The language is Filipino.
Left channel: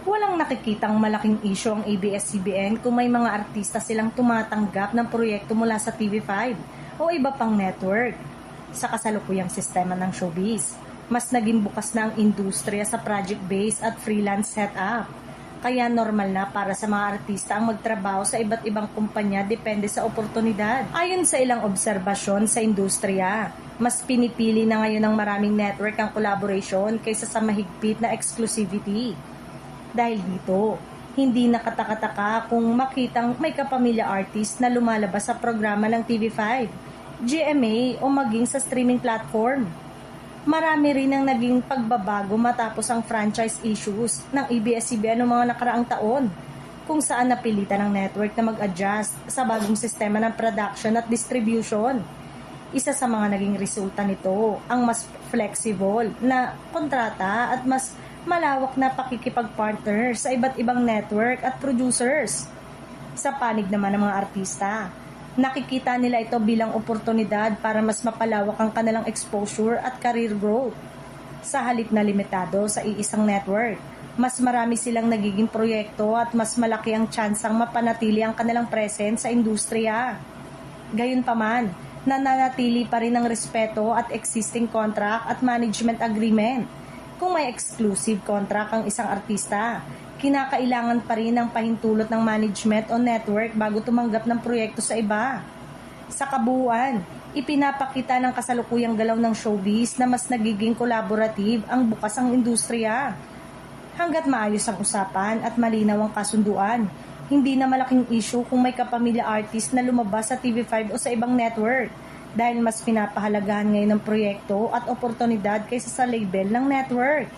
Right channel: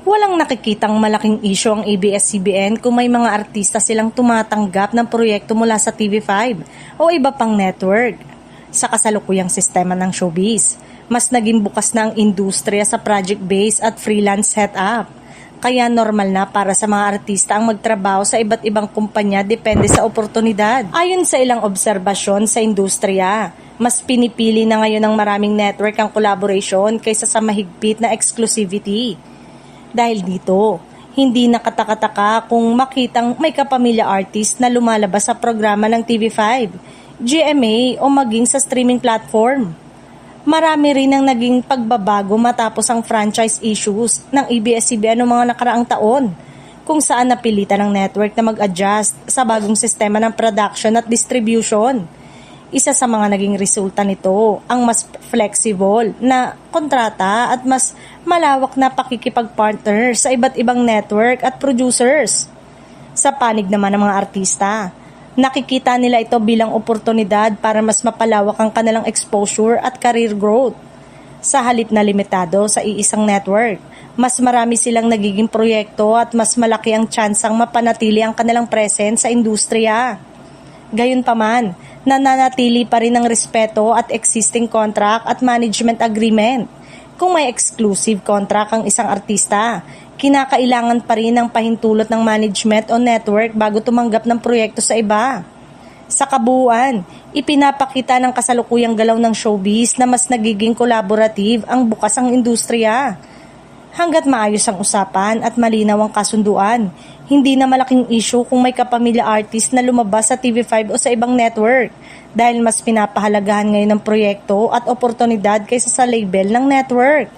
Walang nakikitang malaking isyu ang ABS-CBN kung may mga artista silang tumatanggap ng proyekto mula sa TV5 o iba pang network. Sa kasalukuyang sistema ng showbiz, mas naging bukas na ang industriya sa project-based at freelance setup. Kaya normal na para sa mga artista ang magtrabaho sa iba't ibang kumpanya depende sa oportunidad. Ayon sa ilang obserbasyon sa industriya, mas pinipili na ngayon ng maraming network ang collaboration kaysa sa mahigpit na exclusivity. Dahil dito, hindi nakataka-taka kung makitang may kapamilya artist na lumalabas sa programa ng TV5, GMA o maging sa streaming platform. Marami rin ang naging pagbabago matapos ang franchise issues ng ABS-CBN noong mga nakaraang taon, kung saan napilitan ng network na mag-adjust sa bagong sistema ng production at distribution. Isa sa mga naging resulta nito ang mas flexible na kontrata at mas malawak na pakikipag-partner sa iba't ibang network at producers. Sa panig naman ng mga artista, nakikita nila ito bilang oportunidad para mas mapalawak ang kanilang exposure at career growth. Sa halip na limitado sa iisang network, mas marami silang nagiging proyekto at mas malaki ang tsansang mapanatili ang kanilang presence sa industriya. Gayunpaman, nananatili pa rin ang respeto at existing contract at management agreement. Kung may exclusive contract ang isang artista, kinakailangan pa rin ang pahintulot ng management o network bago tumanggap ng proyekto sa iba. Sa kabuuan, ipinapakita ng kasalukuyang galaw ng showbiz na mas nagiging collaborative ang bukas ang industriya. Hanggat maayos ang usapan at malinaw ang kasunduan, hindi na malaking issue kung may kapamilya artist na lumabas sa TV5 o sa ibang network dahil mas pinapahalagahan ngayon ng proyekto at oportunidad kaysa sa label ng network.